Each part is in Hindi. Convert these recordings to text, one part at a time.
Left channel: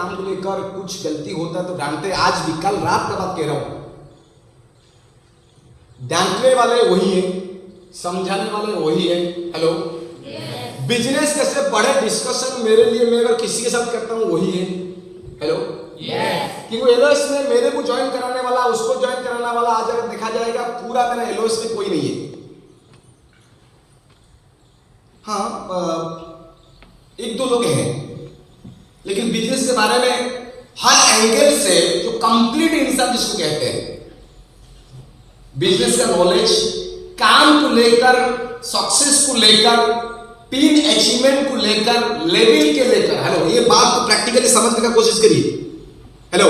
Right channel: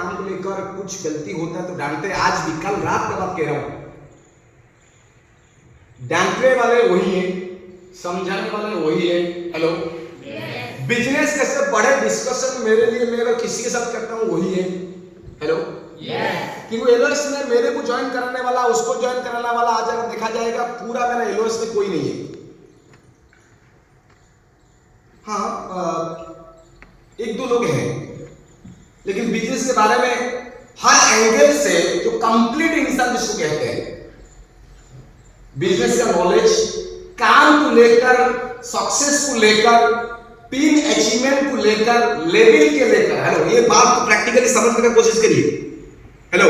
काम को लेकर कुछ गलती होता है तो डांटते, आज भी, कल रात का बात कह रहा हूं, डांटने वाले वही है, समझाने वाले वही है। हेलो, बिजनेस कैसे बढ़े डिस्कशन मेरे लिए, मैं अगर किसी के साथ करता हूं वही है। हेलो, क्योंकि एलओएस में मेरे को ज्वाइन कराने वाला, उसको ज्वाइन कराने वाला, आज अगर देखा जाएगा पूरा मेरा एलओएस में कोई नहीं है। हाँ, एक दो लोग हैं, लेकिन बिजनेस के बारे में हर एंगल से जो कंप्लीट इंसान जिसको कहते हैं, बिजनेस का नॉलेज, काम को लेकर, सक्सेस को लेकर, टीम अचीवमेंट को लेकर, लेवल के लेकर, हेलो, ये बात को प्रैक्टिकली समझने की कोशिश करिए। हेलो,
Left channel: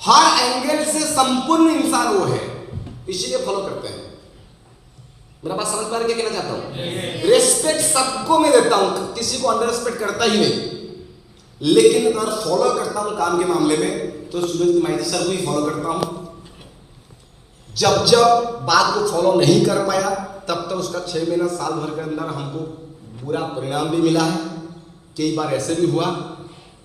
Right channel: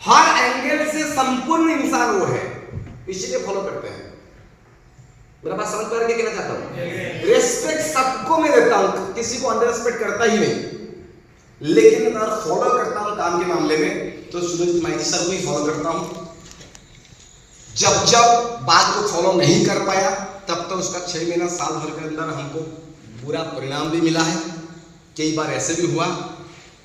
हर एंगल से संपूर्ण इंसान वो है, इसीलिए फॉलो करते हैं। मेरा बात समझ पा रहे क्या कहना चाहता हूं? रेस्पेक्ट सबको मैं देता हूं, किसी को अंडर रेस्पेक्ट करता ही नहीं, लेकिन अगर फॉलो करता हूं काम के मामले में तो सुनील माइती सर को ही फॉलो करता हूं। जब जब बात को फॉलो नहीं कर पाया तब तो उसका 6 महीना साल भर के अंदर हमको बुरा परिणाम भी मिला है। कई बार ऐसे भी हुआ,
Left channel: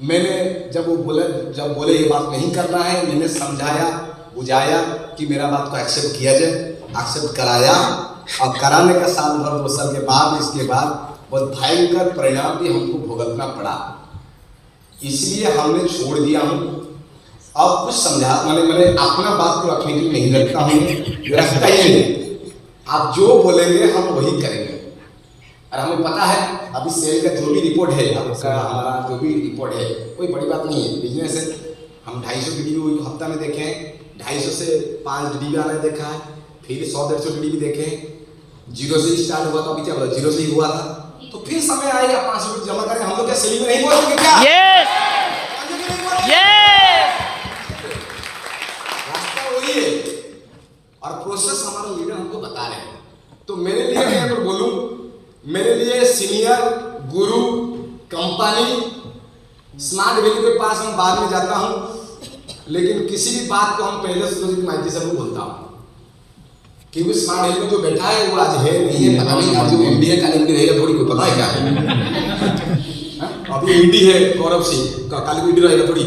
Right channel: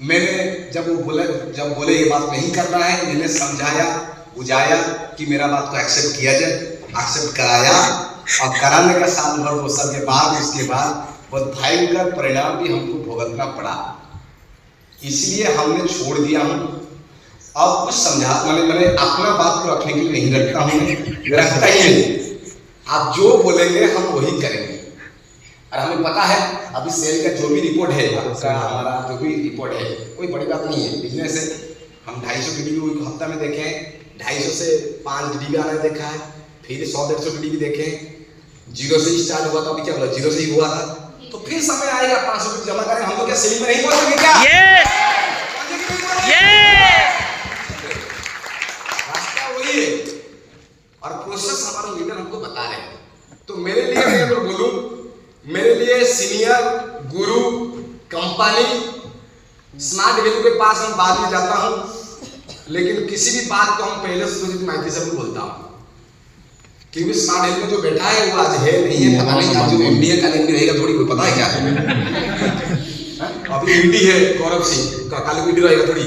मैंने जब बोले ये बात नहीं करना है, मैंने समझाया बुझाया कि मेरा बात को एक्सेप्ट किया जाए, एक्सेप्ट कराया, और कराने का साल भर 2 साल के बाद उसके बाद बहुत भयंकर परिणाम भी हमको भुगतना पड़ा। इसलिए हमने छोड़ दिया हूँ। अब कुछ समझा, मैंने अपना बात को रखने के लिए नहीं रखता हूँ, रखता ही नहीं। आप जो बोलेंगे हम वही करेंगे, और हमें पता है अभी सेल का जो भी रिपोर्ट है, हमारा जो भी रिपोर्ट है कोई बड़ी बात नहीं है, बिजनेस है। हम 250 डीडी हफ्ता में देखे हैं, 250 से 5 डीडी आने देखा है, फिर 100-150 डीडी देखे, 0 से स्टार्ट हुआ, तो अभी क्या बोला 0 से ही हुआ था, तो फिर समय आएगा 500 जमा करें। हम लोग क्या सेलिंग में नहीं बोलेंगे क्या? यस, रास्ता वही है, और प्रोसेस हमारा लीडर हमको बता रहे हैं। तो मेरे लिए, मैं अगर बोलूं, मेरे लिए सीनियर, गुरु, कंपनी, स्मार्ट वैल्यू के पास हम बाद में जाता हूं, लेकिन किसी भी बात को हम पहले सुनील माइती से बोलता हूं, क्योंकि स्मार्ट वैल्यू में जो बैठा है वो आज है नहीं है पता नहीं, आज जो एमडी है कल एमडी रहेगा थोड़ी, कोई पता है क्या? अभी एमडी है गौरव सिंह, कल एमडी रहेगा थोड़ी।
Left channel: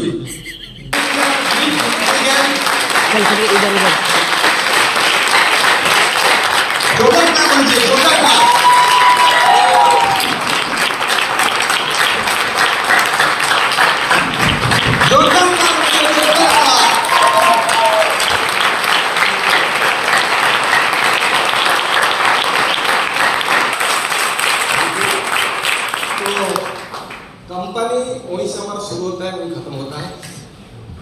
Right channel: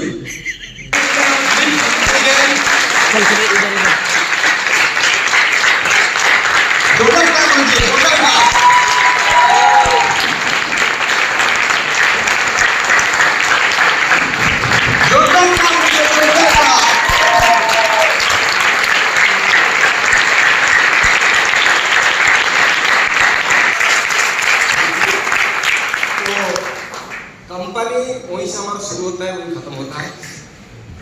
कंपनी वहीं से हमारा शुरू होता है, वहीं खत्म होता है।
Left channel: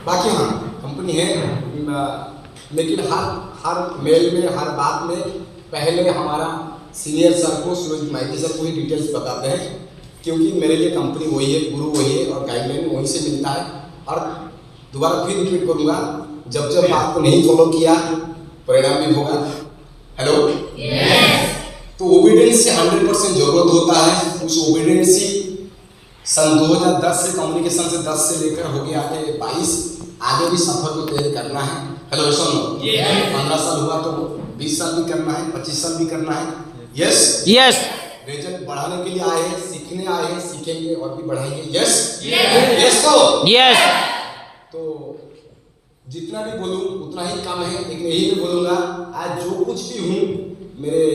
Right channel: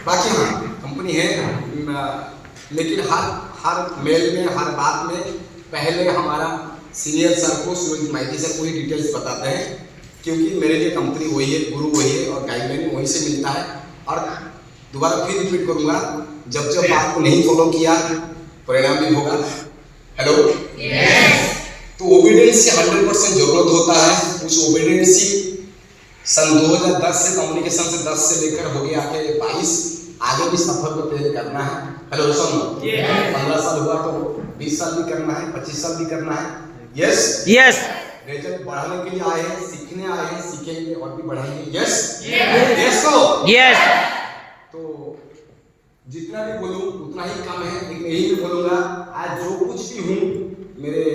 बाकी हाँ, कंपनी है, लेकिन हर मेल में, हर बात में पहले हमारा सीनियर सर को, सुनील माइती सर को ही डिटेल्स बताते हैं, क्योंकि मेरे लिए कंपनी वही है, गुरु वही है, और गाइडलाइन वहीं से मिलता है। और दोबारा फिर रिपीट करूंगा, जब जब बात को नहीं फॉलो किया परिणाम भी होगा। हेलो, तो ओबीडियंस की 100% जरूरत होता है। उस ओबीडियंस की सन 2010 से, कम्युनिकेशन से 10 से लेकर हो गया आगे 22, आगे भी सफर को तैयारी करना है। हेलो, सुनो, 15 साल हुआ तो 20 साल भी करना है, 25 साल भी करना है। यस, रिजल्ट बढ़ाने के लिए आए हैं, सीखने आए हैं, सीखेंगे और भी बढ़ाएंगे। यस, तो जितना भी बोलूं उतना ही कम है, लेकिन यही भी बोलूंगा, आज जो कुछ भी हूँ मेरे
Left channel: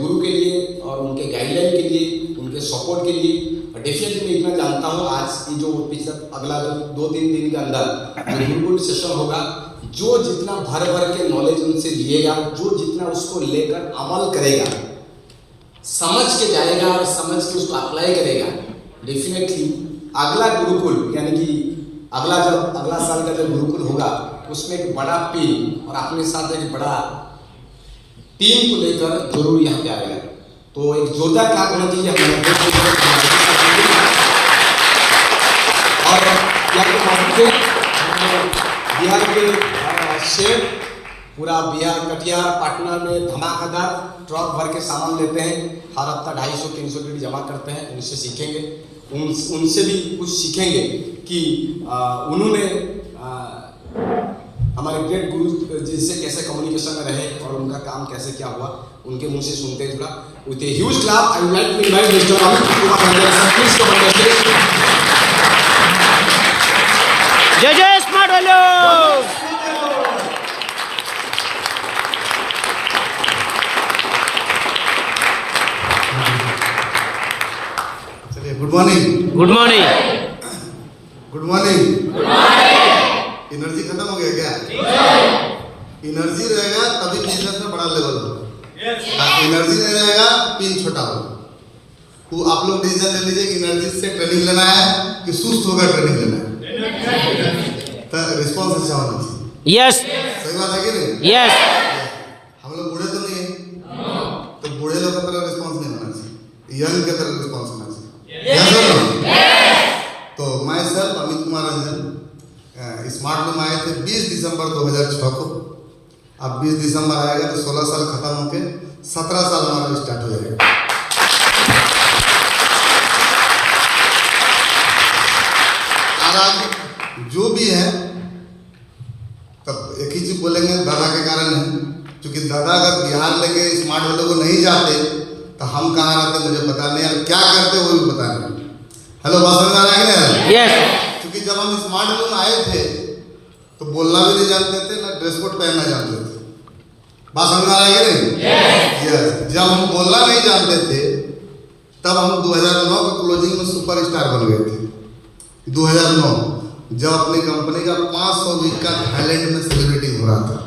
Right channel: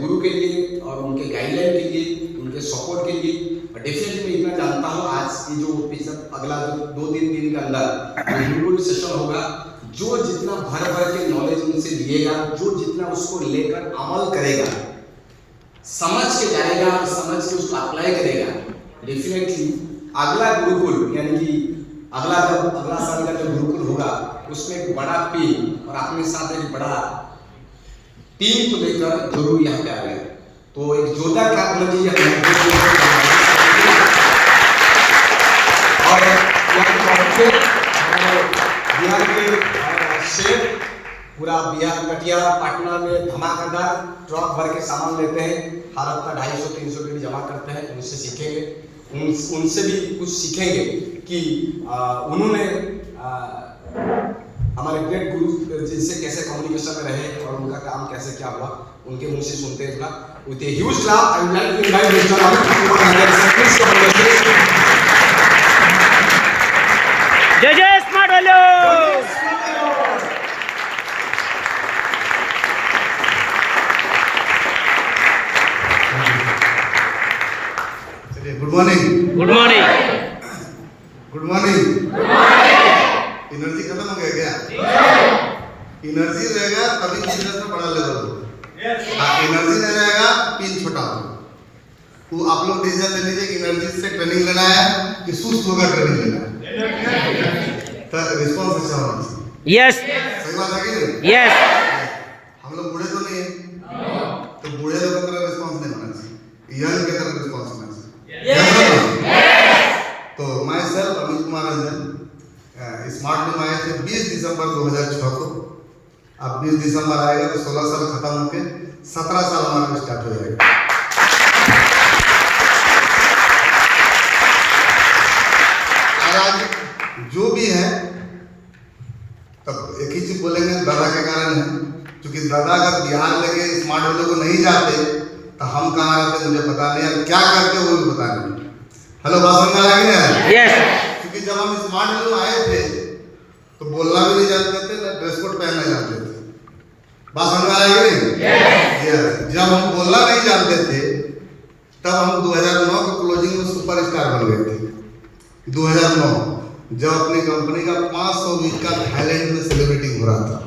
गुरु के लिए और उनके गाइडलाइन के लिए, उनके सपोर्ट के लिए। डेफिनेटली इतना जानता हूँ, आज की जो पिछला अगला 2-3 दिन के अंदर बिल्कुल सेशन होगा, जो जितना भर के नॉलेज उनसे लिएगा, जो जितना उसको लेकर अमल करेगा, समझ के जाएगा और समझ के उसको अप्लाई करेगा, डेफिनेटली अगला गुरुकुल, यानी कि अगला साल का जब गुरुकुल होगा, उसमें एक बड़ा टीम और अपने साथ एक बड़ा टीम को लेकर जरूर यहाँ पे आ गए। तो एक जोरदार काम होना चाहिए और बिहार के शेर, पूरा बिहार कटिहार पाटना में धमाकेदार ट्रक भर के सामान लेते हैं, हर हफ्ता 250-300 पेटी जमा करते हैं। उनसे सीखेंगे, उनसे भी कुछ सीखेंगे कि उन्होंने हमारे ग्रेट गुरु जिनसे कैसे कम्युनिकेशन में रहे और उनका काम कैसे क्या हुआ, उनके मुंह से सुनते हैं। थोड़ा with a huge clap I would like to invite mister Amit. जय जय स्मार्ट वैल्यू। चलिए, good morning. Good morning. Good morning. Energy खत्म हो गया क्या? एनर्जी रहेगा तभी बिजनेस में बड़ा लेवल होगा। एनर्जी नहीं रहेगा पिन छोटा होगा। तो आप लोग डिसीजन ले लीजिए कि एनर्जी से ट्रेनिंग लेना है कि सुस्त होकर ट्रेनिंग लेना है। तो रिस्पॉन्स अच्छा होना चाहिए। यस सही बात है कि नहीं? यस। हम लोग बूढ़े तो नहीं है, तो बूढ़े लोगों की तरह रिस्पॉन्स नहीं होना चाहिए, यंग की तरह रिस्पॉन्स होना चाहिए। तो मैं सेल्फ अमित कुमार रंजन स्मार्ट में आए थे 20 दिसंबर 2006 को। अब 20 दिसंबर आएगा तो 16 साल खत्म होके 17 साल हमारा स्टार्ट हो जाएगा। और आज जो भी है तब एक ही चीज बोलेंगे, दादा के कारण है। क्योंकि दादा अगर बिहार लेके स्मार्ट वाले को नहीं जाते तो हम कहाँ रहते मुझे पता नहीं, और क्या करते वो भी पता नहीं। हेलो, बात समझ आ रहा है? यस। क्योंकि जब हम स्मार्ट वाले में आए थे तो बोलना भी नहीं जानते थे, ना ड्रेस कोड पहनना जानते थे। बात समझ आ रहा है कि नहीं? जब हम बोलना नहीं जानते थे तब हम 2009 के क्लोजिंग में सुपरस्टार बन गए थे। 2009 जब अपनी कंपनी का 500 वीक का थाईलैंड में सेलिब्रेटिंग हो रहा था,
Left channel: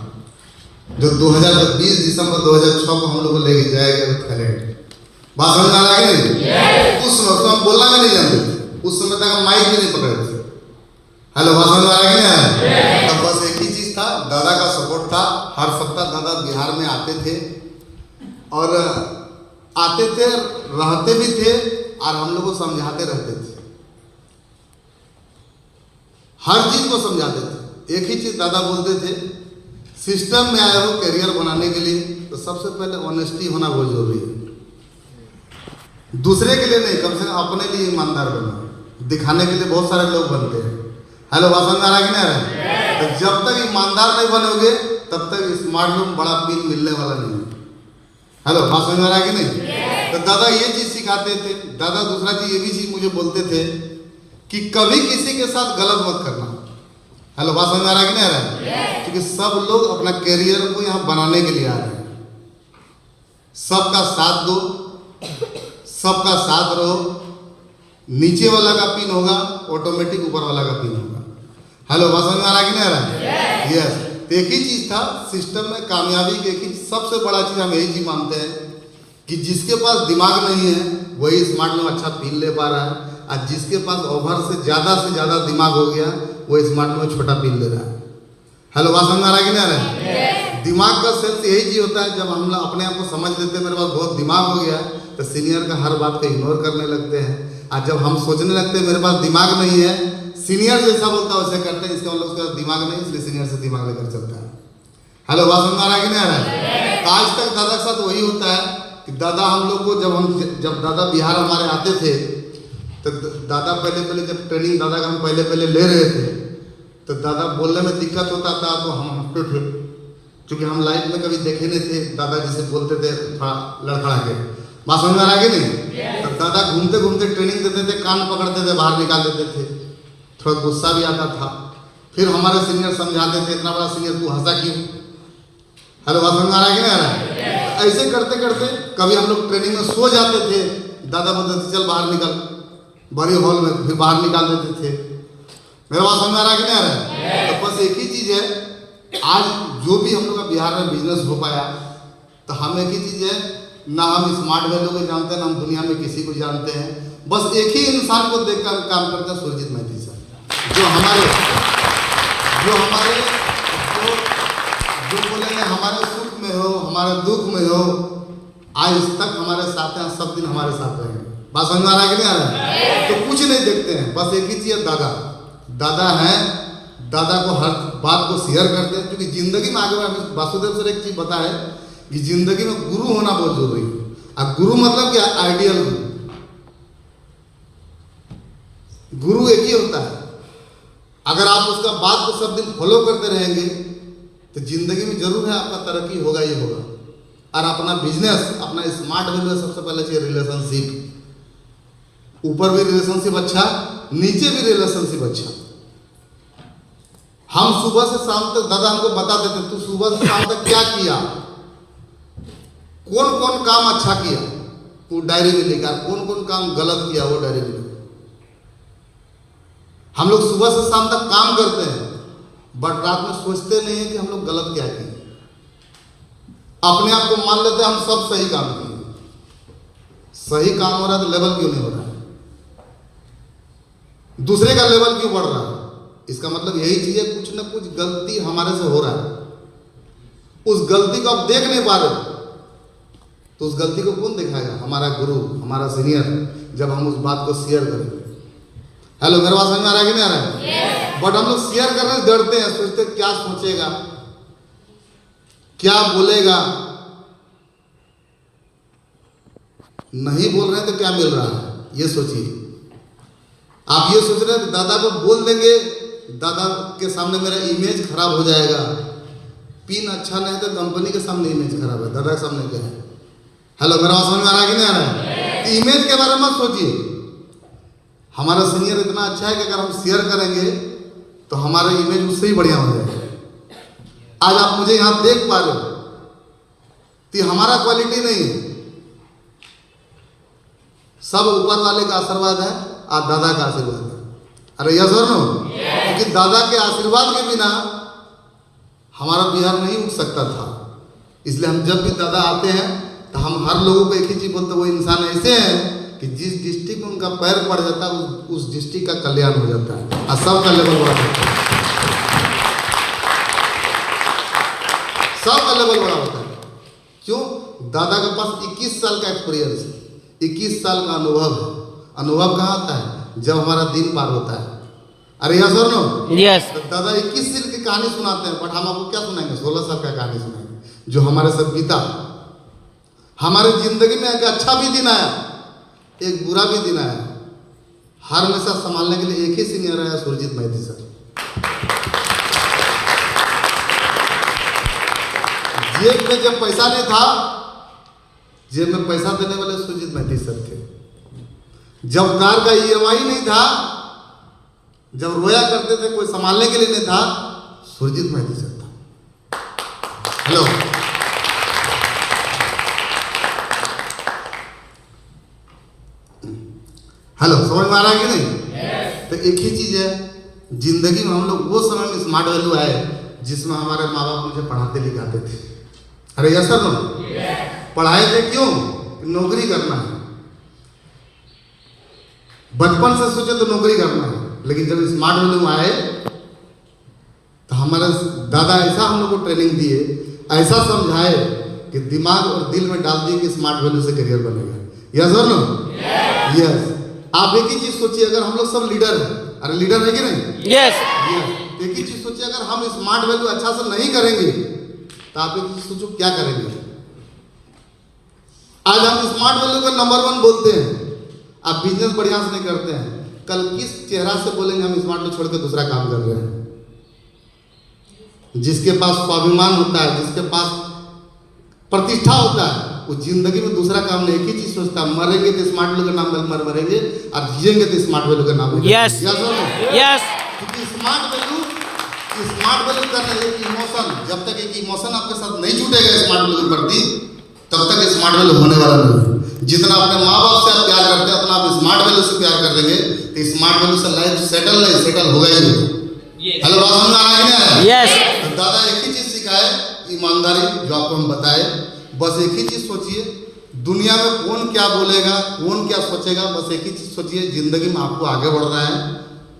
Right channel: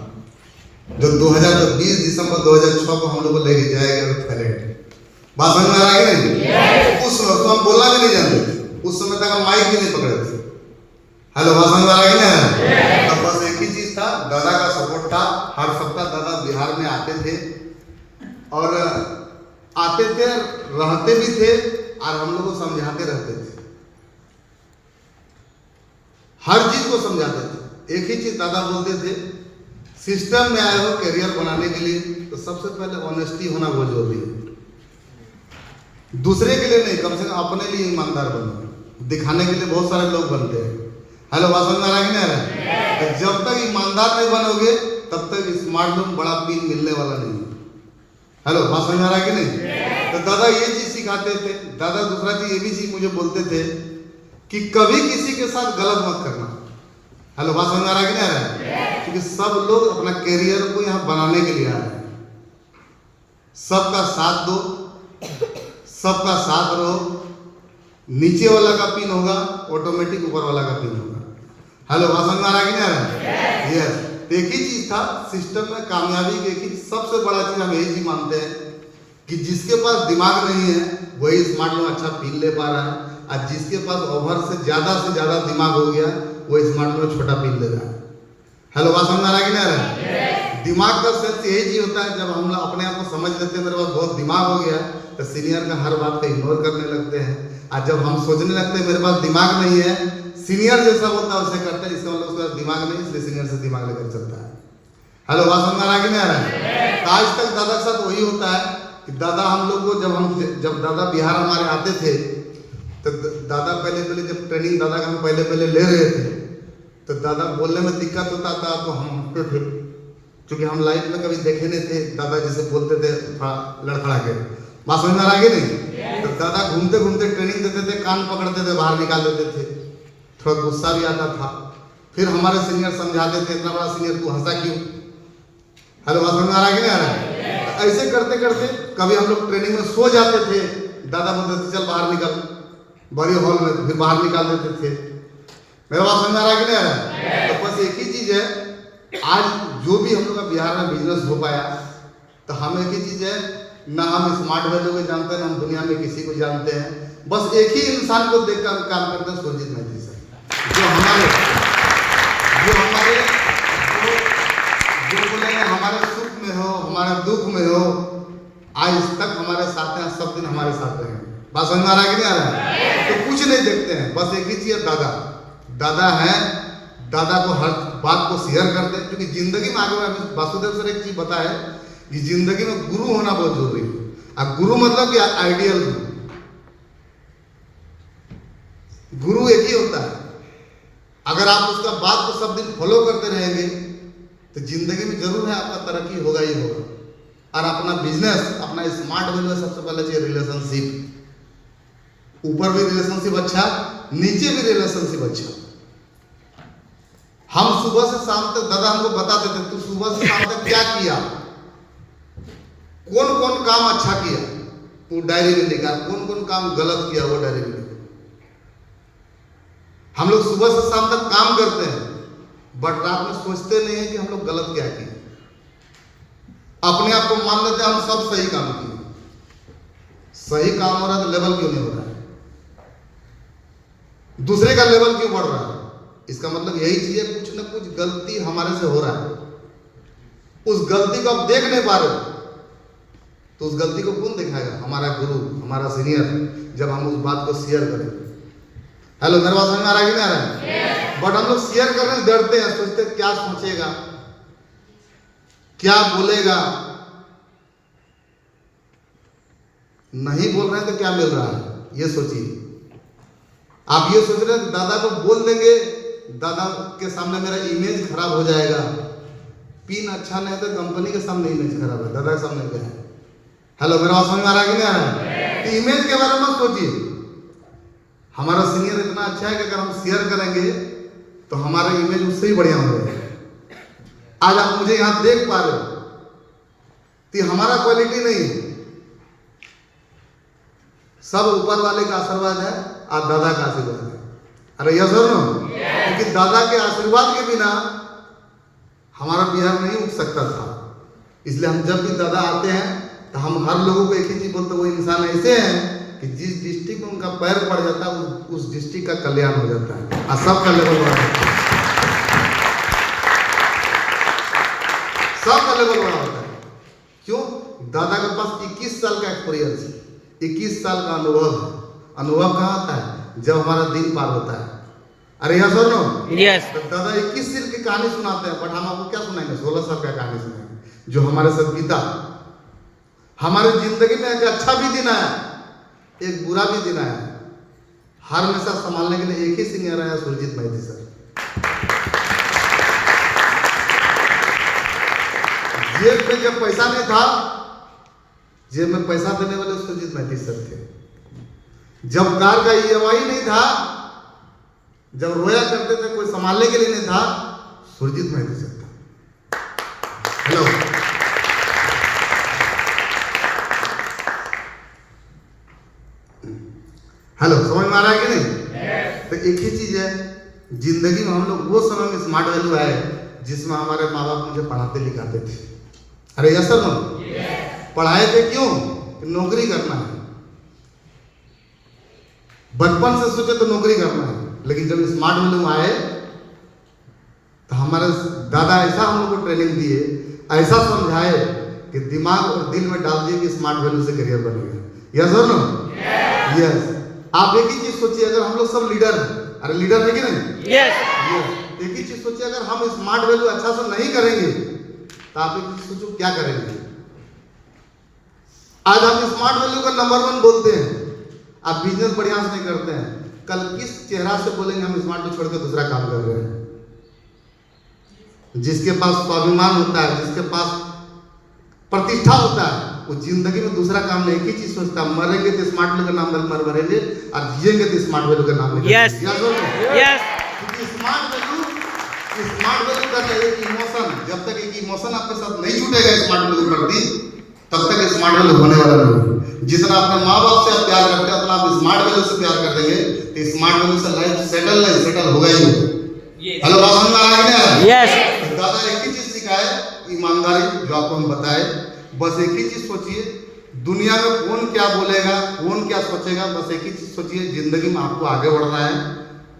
जो 2020 दिसंबर 2006 को हम लोग को लेके जाएगा थाईलैंड। बात समझ आ रहा है कि नहीं? उस समय तो हम बोलना भी नहीं जानते थे, उस समय तक हम माइक भी नहीं पकड़े थे। हेलो, बात समझ आ रहा है कि नहीं? तब बस एक ही चीज था, दादा का सपोर्ट था। हर सप्ताह दादा बिहार में आते थे और रहते भी थे और हम लोग को समझाते रहते थे, हर चीज को समझाते थे। एक ही चीज दादा बोलते थे, सिस्टम में आए हो करियर बनाने के लिए तो सबसे पहले ऑनेस्टी होना बहुत जरूरी है। दूसरे के लिए नहीं, कम से कम अपने लिए ईमानदार बनो। दिखाने के लिए बहुत सारे लोग बनते हैं। हेलो, बात समझ आ रहा है कि नहीं? तो जब तक ईमानदार नहीं बनोगे तब तक स्मार्ट में बड़ा पिन मिलने वाला नहीं है। हेलो, बात समझ आ रहा है कि नहीं? तो दादा ये चीज सिखाते थे। दादा दूसरा चीज ये भी चीज मुझे बोलते थे कि कभी किसी के साथ गलत मत करना। हेलो, बात समझ आ रहा है कि नहीं आ रहा है? क्योंकि सब लोग अपना करियर को यहाँ बनाने के लिए आ रहे हैं। सबका साथ दो, सबका साथ रहो। नीचे वाला का पिन होगा ऑटोमेटिक ऊपर वाला का पिन होगा। हेलो, बात समझ में आ रहा है कि नहीं आ रहा है? यस। एक ही चीज था सिस्टम में कामयाबी की, एक ही सबसे बड़ा चीज हम यही चीज मानते हैं कि जिसके पास दिमाग नहीं है वही स्मार्ट में अच्छा पिन ले पा रहा है, और जिसके पास ओवर से ज्यादा दिमाग हो गया वो स्मार्ट में छोटा पिन ले रहा है। हेलो, बात समझ में आ रहा है कि नहीं आ रहा है? दिमाग का सेंस यही चीज होता है, जब हम अपने आप को समझ लेते हैं मेरे पास बहुत दिमाग हो गया तो सीनियर का हर बात को इग्नोर करने लगते हैं। और जब हम सोचने लगते हैं मेरे पास दिमाग नहीं है, सीनियर जैसा बोलता है वैसे करते हैं, इसका मतलब उसका दिमाग नहीं, इसलिए सीनियर से दिमाग लेकर चलता है। हेलो, बात समझ में आ रहा है कि नहीं आ रहा है? आज तक दादा के साथ वही होता है कि दादा हम लोग को जब दादा बिहार हमारे आते थे तो दादा पहले जब ट्रेनिंग दादा का हम पहले ले रहे थे तो दादा बोलने में दिक्कत होता था तो हम हंसते थे, क्योंकि हम लाइफ में कभी देखे नहीं थे। दादा जैसे बोलते थे थोड़ा लड़खड़ा के। बात समझ में आ रहा है कि नहीं? तो दादा घूमते घूमते ट्रेनिंग देते थे, कान पकड़ते थे, बाहर निकाल देते थे, थोड़ा गुस्सा भी आता था। फिर हमारे सीनियर समझाते थे, इतना बड़ा सीनियर तू हंसा क्यों? हेलो, बात समझ में आ रहा है कि नहीं आ रहा है? ऐसे करते करते कभी हम लोग ट्रेनिंग में सो जाते थे, दादा बोलते थे चल बाहर निकल, बड़ी हॉल में फिर बाहर निकाल देते थे। मेरा बात समझ में आ रहा है कि नहीं आ रहा है? तो बस एक ही चीज है, आज जो भी हम लोग का बिहार में बिजनेस हो पाया तो हम एक ही चीज है, ना हम स्मार्ट वैल्यू को जानते हैं ना हम दुनिया में किसी को जानते हैं। बस एक ही इंसान को देखकर काम करते हैं, सुरजीत महती सर, जो बोलेंगे हमारे सुख में हो, हमारे दुख में हो, आज तक हमारे साथ हैं, सब दिन हमारे साथ रहेंगे। बात समझ में आ रहा है कि नहीं आ रहा है? तो कुछ नहीं देखते हैं, बस एक ही चीज है, दादा है। दादा को हर बात को शेयर करते हैं, क्योंकि जिंदगी में आगे वासुदेव सर एक चीज बताया कि जिंदगी में गुरु होना बहुत जरूरी है। अब गुरु मतलब क्या? आइडियल गुरु एक ही होता है। अगर आप उसका बात को सब दिन फॉलो करते रहेंगे तो जिंदगी में जरूर है आपका तरक्की होगा ही होगा। और अपना बिजनेस, अपना स्मार्ट बिजनेस सबसे पहले चाहिए रिलेशनशिप। ऊपर भी रिलेशनशिप अच्छा, नीचे भी रिलेशनशिप अच्छा। हम सुबह से शाम तक दादा हमको बताते थे तू सुबह से शाम तक क्या किया, कौन कौन काम अच्छा किया तू डायरी में लिखा, कौन कौन काम गलत किया वो डायरी में लिखा। हम लोग सुबह से शाम तक काम करते हैं बट रात में सोचते नहीं है कि हम लोग गलत क्या किए। अपने आप को मान लेते हैं हम सब सही काम किए। सही काम हो रहा है तो लेवल क्यों नहीं हो रहा है, दूसरे का लेवल क्यों बढ़ रहा है? इसका मतलब यही चीज है कुछ ना कुछ गलती हमारे से हो रहा है, उस गलती को आप देख नहीं पा रहे तो उस गलती को कौन दिखाएगा? हमारा गुरु, हमारा सीनियर, जब हम उस बात को शेयर करें। हेलो, मेरे बात समझ में आ रहा है कि नहीं आ रहा है? बट हम लोग शेयर करने से डरते हैं, सोचते क्या सोचेगा, क्या बोलेगा। नहीं बोल रहे हैं तो क्या मिल रहा है ये सोचिए। आप ये सोच रहे हैं दादा को बोल देंगे, दादा के सामने मेरा इमेज खराब हो जाएगा। पिन अच्छा नहीं तो कंपनी के सामने इमेज खराब है, दादा के सामने क्या है? हेलो, मेरा बात समझ में आ रहा है कि नहीं आ रहा है? तो इमेज के बारे में मत सोचिए। हमारा सीनियर इतना अच्छा है कि अगर हम शेयर करेंगे तो हमारा इमेज उससे ही बढ़िया हो जाएगा। आज आप मुझे यहां देख पा रहे हो तो हमारा क्वालिटी नहीं है, सब ऊपर वाले का आशीर्वाद है और दादा का आशीर्वाद है। अरे यस और नो? क्योंकि दादा के आशीर्वाद के बिना हमारा बिहार नहीं उठ सकता था। इसलिए हम जब भी दादा आते हैं तो हम हर लोगों को एक ही चीज बोलते, वो इंसान ऐसे हैं कि जिस डिस्ट्रिक्ट में उनका पैर पड़ जाता है उस डिस्ट्रिक्ट का कल्याण हो जाता है और सबका लेवल बढ़ जाता है, सबका लेवल बढ़ जाता है। क्यों? दादा के पास 21 साल का एक्सपीरियंस है, 21 साल का अनुभव है। अनुभव कहाँ आता है? जब हमारा दिन पार होता है। अरे यस और नो? यस। तो दादा 21 साल की कहानी सुनाते हैं बट हम आपको क्या सुनाएंगे? 16 साल का कहानी सुनाएंगे जो हमारे साथ बीता। हमारे जिंदगी में एक अच्छा भी दिन आया, एक बुरा भी दिन आया। हर हमेशा संभालने के लिए एक ही सीनियर आया, सुरजीत मैथी सर। जेब में जब पैसा नहीं था, जेब में पैसा देने वाले सुरजीत मैथी सर थे। जब कार का EMI नहीं था, जब रोया करते थे कोई संभालने के लिए नहीं था, सुरजीत मैथी सर था। हेलो, हेलो, समझ में आ रहा है कि नहीं? तो एक ही चीज है, जिंदगी में हम लोग वो समय में स्मार्ट वैल्यू आए जिसमें हमारे माँ बाप मुझे पढ़ाते लिखाते थे। अरे यस सर, पढ़ाए थे क्यों? नौकरी करना है। बचपन से सोचे तो नौकरी करना है, लेकिन जब स्मार्ट वैल्यू आए तो हमारे दादा ऐसा हम लोग को ट्रेनिंग दिए, ऐसा समझाए कि दिमाग और दिल में डाल दिए कि स्मार्ट वैल्यू से करियर बनेगा। यस और नो? यस। आप एक ही चीज सोचिए, अगर हम लोग सब लीडर हैं, अरे लीडर है कि नहीं? यस। एक ही चीज सोचिए, अगर हम स्मार्ट वैल्यू अच्छा से नहीं करेंगे तो आप एक चीज सोचो क्या करेंगे। आज हम स्मार्ट वैल्यू का नंबर 1 बोलते हैं, आप बिजनेस बढ़िया से नहीं करते हैं, कल किस चेहरा से बोलेंगे हम स्मार्ट को छोड़कर दूसरा काम कर रहे हैं? जिसके पास स्वाभिमान होता है, जिसके पास प्रतिष्ठा होता है, वो जिंदगी में दूसरा काम नहीं, एक ही चीज सोचता है, मरेंगे तो स्मार्ट वैल्यू का नाम लेकर मरेंगे और जिएंगे तो स्मार्ट वैल्यू का नाम लेकर। Yes yes. क्योंकि स्मार्ट वैल्यू का एक इमोशन, जब तक एक इमोशन आपके साथ नहीं जुटेगा स्मार्ट वैल्यू के प्रति, तब तक स्मार्ट वैल्यू होने वाला नहीं। जितना अपने माँ बाप से आप प्यार करते हैं उतना आप स्मार्ट वैल्यू से प्यार कर देंगे तो स्मार्ट वैल्यू से लाइफ सेटल होगा ही होगा। हेलो, बात समझ में आ रहा है? यस। दादा एक ही चीज सिखाए, ईमानदारी, जो आपको हम बताए। बस एक ही चीज सोचिए, दुनिया में कौन क्या बोलेगा, कौन क्या सोचेगा, बस एक ही चीज सोचिए, जिंदगी में आपको आगे बढ़ना है,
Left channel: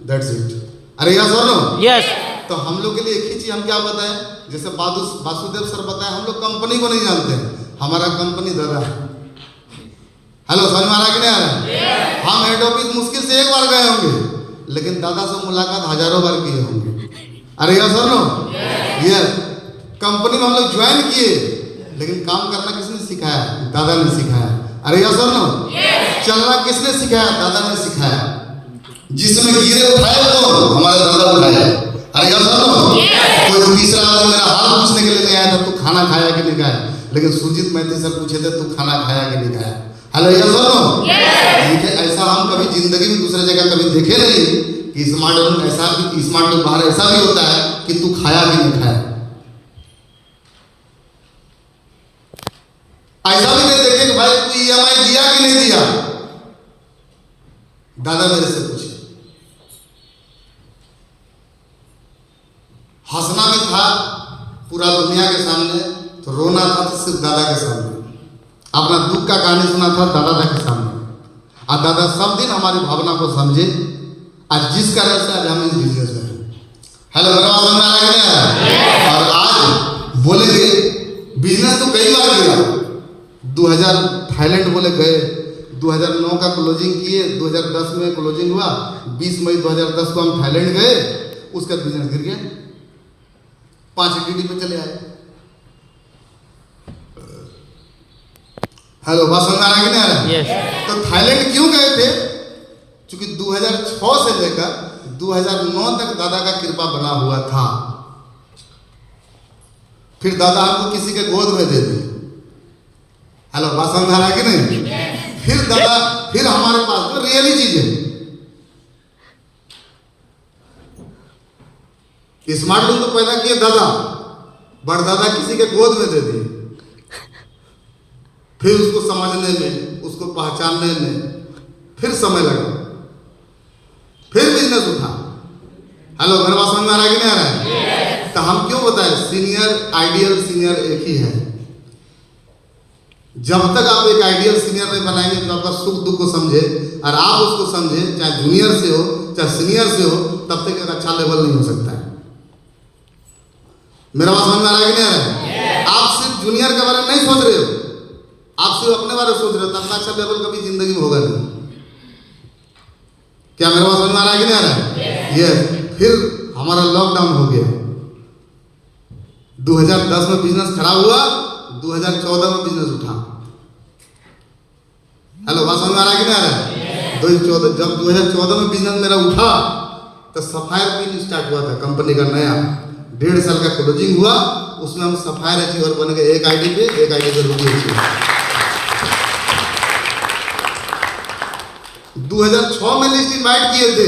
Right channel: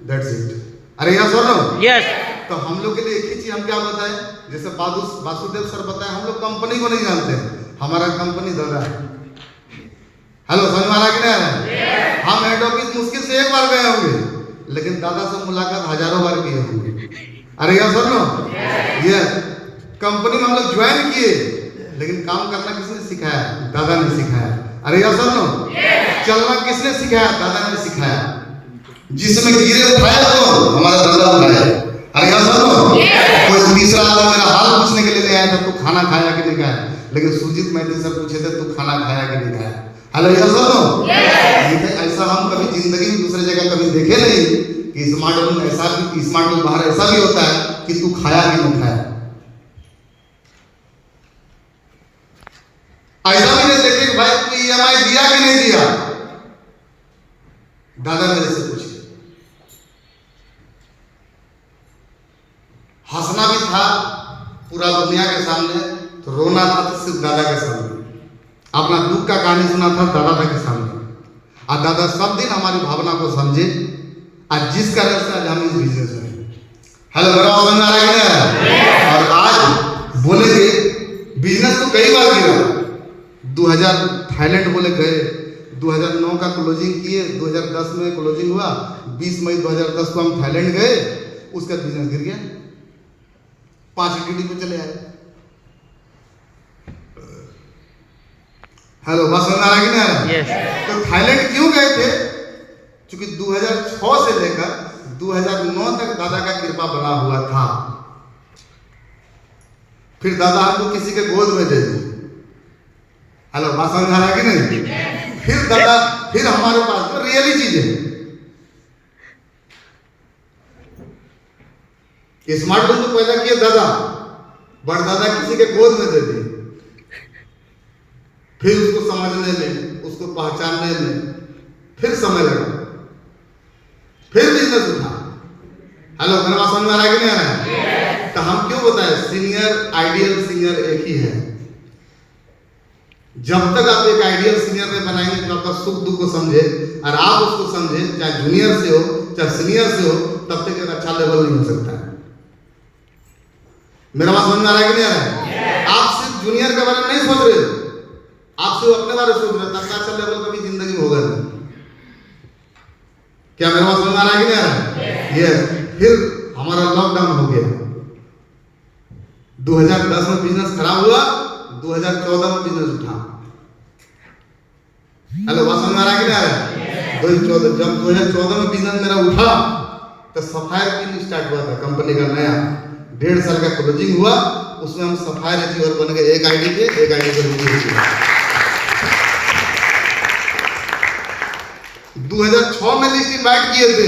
दैट्स इट। अरे यस और नो? यस। तो हम लोग के लिए एक ही चीज हम क्या बताएं, जैसे वासुदेव सर बताए, हम लोग कंपनी को नहीं जानते हैं, हमारा कंपनी दादा है। हेलो, समझ में आ रहा है कि नहीं आ रहा है? हम हेड ऑफिस मुश्किल से एक बार गए होंगे, लेकिन दादा से मुलाकात हजारों बार किए होंगे। अरे यस और नो? यस। कंपनी में हम लोग ज्वाइन किए, लेकिन काम करना किसने सिखाया? दादा ने सिखाया। अरे यस और नो? चलना किसने सिखाया? दादा ने सिखाया। जिसमें गिरे उठाए तो हमारा दादा उठाया। अरे यस और नो? कोई तीसरा आदमी मेरा हाल पूछने के लिए नहीं आया था तू खाना खाया कि नहीं खाया, लेकिन सुरजीत मैथी सर पूछे थे तू खाना खाया कि नहीं खाया। हेलो, यस और नो? ऐसा हम कभी जिंदगी में दूसरे जगह कभी देखे नहीं कि स्मार्ट लोन बाहर ऐसा भी होता है कि तू खाया कि नहीं खाया। ऐसा भी नहीं देखे कि भाई तू EMI दिया कि नहीं दिया। दादा मेरे से पूछे, हंसना भी था पूरा दुनिया के सामने, तो रोना था तो सिर्फ दादा के सामने। अपना दुख का कहानी सुना था दादा के सामने। और दादा सब दिन हमारी भावना को समझे, आज जिस कारण से आज हम इस बिजनेस में हैं। हेलो, मेरा समझ में आ रहा है? और आज बोलेंगे बिजनेस तो कई बार गिरा। 2000 थाईलैंड बोले गए, 2009 का क्लोजिंग किए, 2010 में क्लोजिंग हुआ, 20 मई 2010 को हम थाईलैंड गए, उसका बिजनेस गिर गया, 5 ETD पे चले आए। हेलो, बात समझ आ रहा है कि नहीं? तो थाईलैंड क्यों गए थे? क्योंकि 2006 से लेकर 2009 तक दादा का कृपा बना हुआ था। फिर दादा आपको किसी के गोद में दे दिए। हेलो, बात समझ आ रहा है कि नहीं? फिर दादा, फिर हमारे पास तो रियली चीज है। स्मार्ट लोन तो पैदा किए दादा, बड़दादा किसी के गोद में दे दिए। फिर उसको समझने में, उसको पहचानने में फिर समय लगा, फिर बिजनेस उठा। हेलो, मेरा समझ में आ रहा है कि नहीं आ रहा है? तो हम क्यों बताएं, सीनियर आइडियल सीनियर एक ही है। जब तक आप एक आइडियल सीनियर में बनाएंगे तो आपका सुख दुख को समझे, और आप उसको समझे, चाहे जूनियर से हो चाहे सीनियर से हो, तब तक एक अच्छा लेवल नहीं हो सकता है। मेरा बात समझ में आ रहा है कि नहीं आ रहा है? आप सिर्फ जूनियर के बारे में नहीं सोच रहे, आप सिर्फ अपने बारे में सोच रहे, तब अच्छा लेवल कभी जिंदगी में होगा नहीं। क्या मेरा बात समझ में आ रहा है कि नहीं आ रहा है? ये फिर हमारा लॉकडाउन हो गया। 2010 में बिजनेस खराब हुआ, 2014 में बिजनेस उठा। हेलो, बात समझ में आ रहा है कि नहीं आ रहा है? 2014 में बिजनेस मेरा उठा तो सफायर पिन स्टार्ट हुआ था कंपनी का नया, 1.5 साल का क्लोजिंग हुआ, उसमें हम सफायर अचीवर बन गए। एक आईडी पे रुपये। 2006 में लिस्ट इनवाइट किए थे,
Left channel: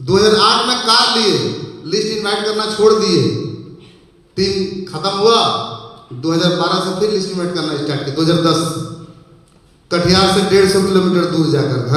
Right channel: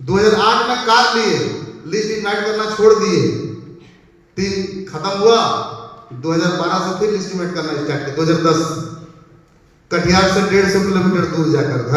2008 में कार लिए, लिस्ट इनवाइट करना छोड़ दिए, टीम खत्म हुआ, 2012 से फिर लिस्ट इनवाइट करना स्टार्ट किया। 2010 कटिहार से 150 किलोमीटर दूर जाकर